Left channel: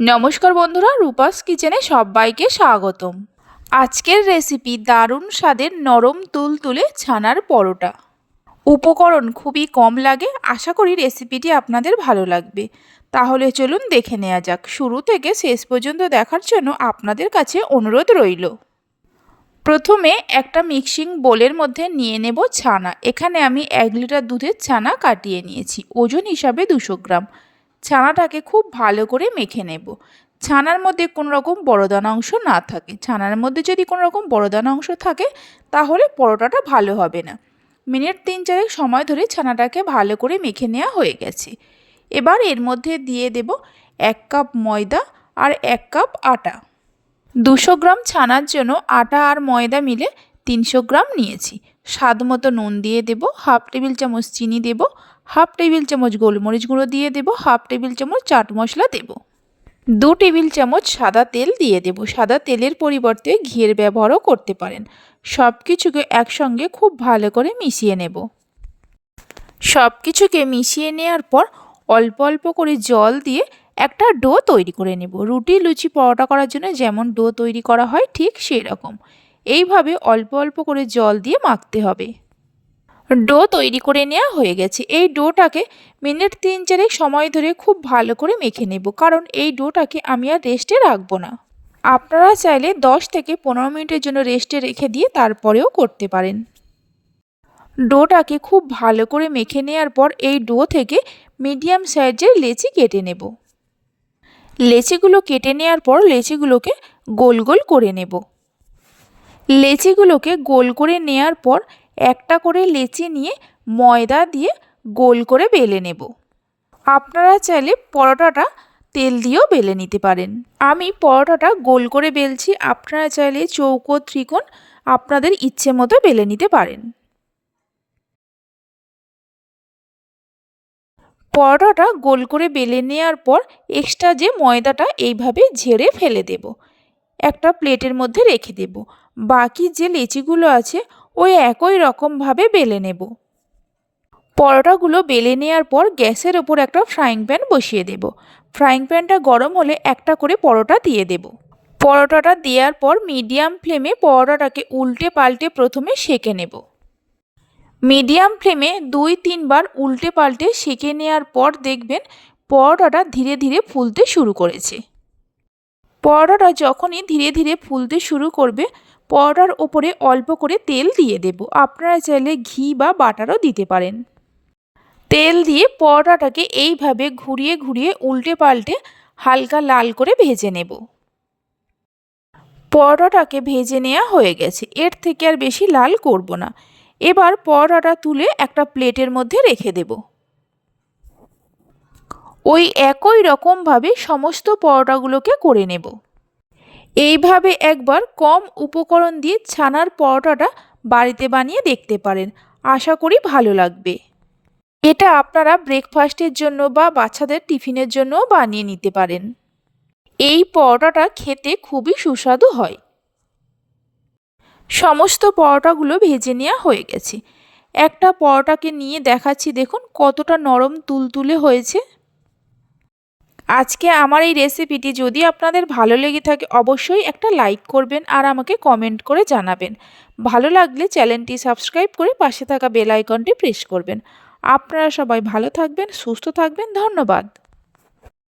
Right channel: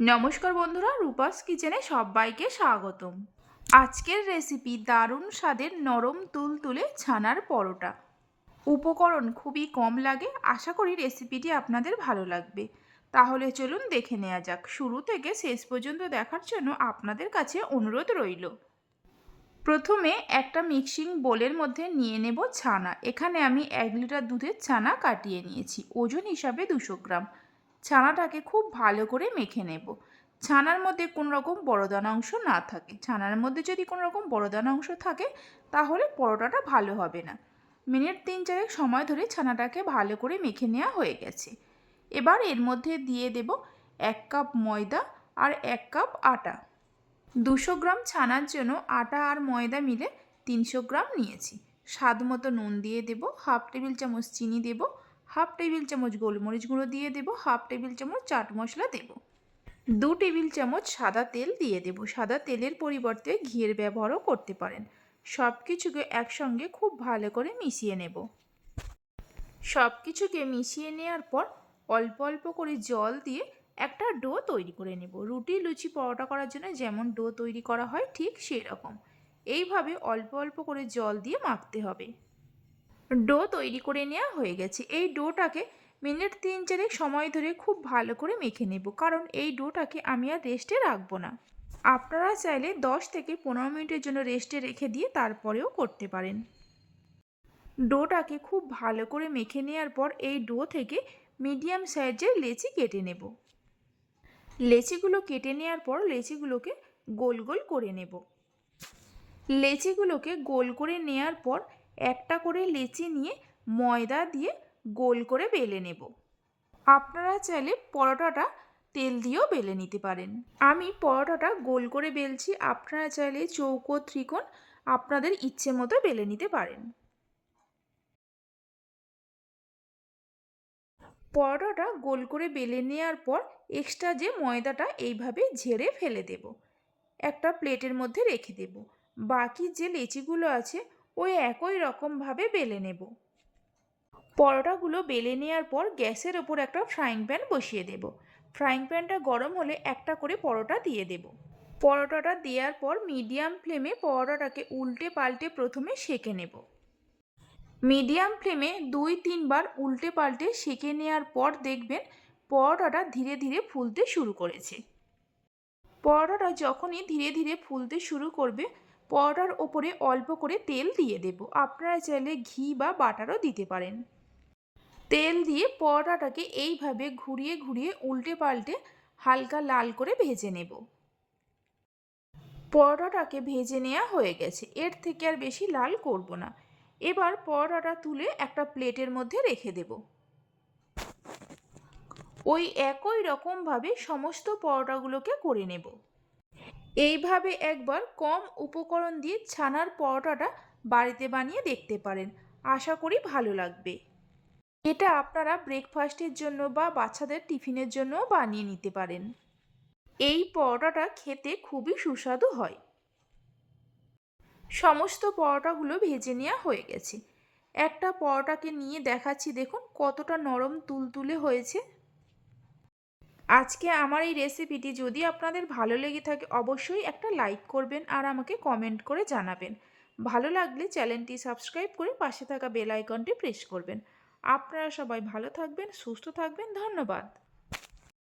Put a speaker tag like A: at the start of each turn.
A: নমস্কার বন্ধুরা, রূপাস কিচেনে সবাইকে স্বাগতম। আজকের রেসিপি দারুণ স্বাদের নরম তুলতুলে ছানার পরোটা। উপকরণ খুবই কম লাগে, আশা করি রেসিপিটি আপনাদের ভালো লাগবে। তাহলে চলুন দেখে নেওয়া যাক। শুরু থেকে শেষ পর্যন্ত দেখার জন্য আপনাদের কাছে অনুরোধ রইল। প্রথমে একটা মিক্সিং বোলের মধ্যে নিয়ে নেব ছানা। এখানে আমি এক লিটার দুধের ছানা কাটিয়ে নিয়েছি, ওজন হিসাবে দুশো গ্রাম। ছানাটাকে খুব ভালো করে মেখে নেব। ছানার মধ্যে কোনো রকম বড়দানা অংশ না থাকে। ছানার মধ্যে যদি কোনো রকম বড়দানা অংশ থাকে, তাহলে পরোটাটা ভালো হবে না। মিনিট তিন চারেক সময় ধরে ছানাটাকে ভালো করে মেখে নেওয়া হয়ে গেছে। এবার এর মধ্যে দিয়ে দেব এক কাপ ময়দা আর এক কাপ আটা। দুশো গ্রাম ছানার জন্য আটা আর ময়দা মিলে তিনশো গ্রাম নিয়েছি। স্বাদ মতো নুন দিয়ে দেব, হাফ টেবিল চামচ চিনি দেব হাফ টেবিল চামচ গোলমরিচ গুঁড়ো দিয়ে দেব, হাফ টেবিল চামচ চাট মশলা দেব। দু টেবিল চামচ সাদা তেল দিয়ে দেব। সাদা তেলের পরিবর্তে ঘিয়ের ব্যবহারও করতে পারেন। সব কিছুকে একসঙ্গে খুব ভালো করে মিশিয়ে নেব। সব কিছুকে মিশিয়ে নেওয়ার পর অল্প অল্প করে জল দিয়ে একটা ডো তৈরি করে নেব। রুটি, লুচি, পরোটা করার জন্য যেমন ডো তৈরি করা হয় ঠিক সেই রকম এইভাবে অল্প অল্প করে জল দিয়ে মাখতে হবে। ডো তৈরি করে নেওয়া হয়ে গেছে। এই ডোটাকে মিনিট তিন চারেক সময় ধরে খুব ভালো করে মেখে নেব, কারণ এই ডোটাকে আমি আর রেস্টে রাখব না। আপনারা চাইলে দশ থেকে পনেরো মিনিটের জন্য রেস্টে রেখে দিয়ে তারপরেও করতে পারেন। ডোটাকে খুব ভালো করে মেখে নেওয়ার পর এই ডো থেকে মিডিয়াম সাইজের লেচি কেটে নেব। লেচিগুলো কেটে নেওয়ার পর লেচিগুলোকে গোল গোল করে নেব। লেচিগুলোকে গোল করে নেওয়ার পর একটা করে লেচি নিয়ে ময়দা দিয়ে গোল করে বেলে নেব। আপনারা চাইলে পরোটাটা তেল দিয়েও বেলে নিতে পারেন। আমি পরোটাটা গোল করে বেলছি, আপনারা চাইলে চৌকো, ত্রিকোণ আপনাদের ইচ্ছে মতো বেলে নিতে পারেন। পরোটাটা গোল করে বেলে নেওয়ার পর এক্সট্রা যে ময়দাটা এইভাবে ঝেড়ে ফেলে দেব। একটা প্লেটের মধ্যে রেখে দেব। বাকি যে লেচিগুলো আছে ওই একই রকমভাবে বেলে নেব। পরোটাগুলো বেলে নেওয়ার পর গ্যাসের ওপর একটা ফ্রাইং প্যান বসিয়ে দেব। ফ্রাইং প্যানটা গরম হলে একটা করে পরোটা দিয়ে দেব। পরোটাটা দেওয়ার পর মিডিয়াম ফ্লেমে পরোটাটাকে উল্টে পাল্টে প্রথমে সেকে নেব। মিডিয়াম ফ্লেমে দুই তিনবার উল্টে পাল্টে সেকে নেওয়ার পর দেখবেন পরোটাটা ধীরে ধীরে ফুলতে শুরু করেছে। পরোটাটা যখনই ধীরে ধীরে ফুলতে শুরু করবে পরোটার ওপরে অল্প করে তেল দিয়ে দেব। আপনারা চাইলে ঘি বা বাটারও দিতে পারেন। তেল দিয়ে পরোটাটাকে এইভাবে ঘুরিয়ে ঘুরিয়ে উল্টে পাল্টে হালকা লাল করে ভেজে নেব। পরোটাটাকে ভেজে নেওয়া হয়ে গেছে। এর থেকে আর বেশি লাল করব না। এবার পরোটাটা তুলে একটা প্লেটের মধ্যে রেখে দেব। ওই একই রকমভাবে সমস্ত পরোটাগুলোকে করে নেব। এইভাবে একবার কম উপকরণ দিয়ে ছানার পরোটাটা বাড়িতে বানিয়ে দেখতে পারেন। আশা করি ভালো লাগবে। এটা আপনারা ব্রেকফাস্টের জন্য বা বাচ্চাদের টিফিনের জন্যও বানিয়ে নিতে পারেন। এই পরোটাটা খেতে খুবই সুস্বাদু হয়। সমস্ত পরোটাগুলো ভেজে নেওয়া হয়ে গেছে। একটা পরোটাকে নিয়ে দেখাচ্ছি, দেখুন কতটা নরম তুলতুলে হয়েছে। আজকে আমার এই রেসিপিটি যদি আপনাদের ভালো লেগে থাকে, অবশ্যই একটা লাইক করবেন আর আমাকে কমেন্ট করে জানাবেন। ভালো লাগলে চ্যানেলটি সাবস্ক্রাইব করে পাশে থাকা বেল আইকনটি প্রেস করবেন। আপনারা সবাই ভালো থাকবেন, সুস্থ থাকবেন, ধন্যবাদ।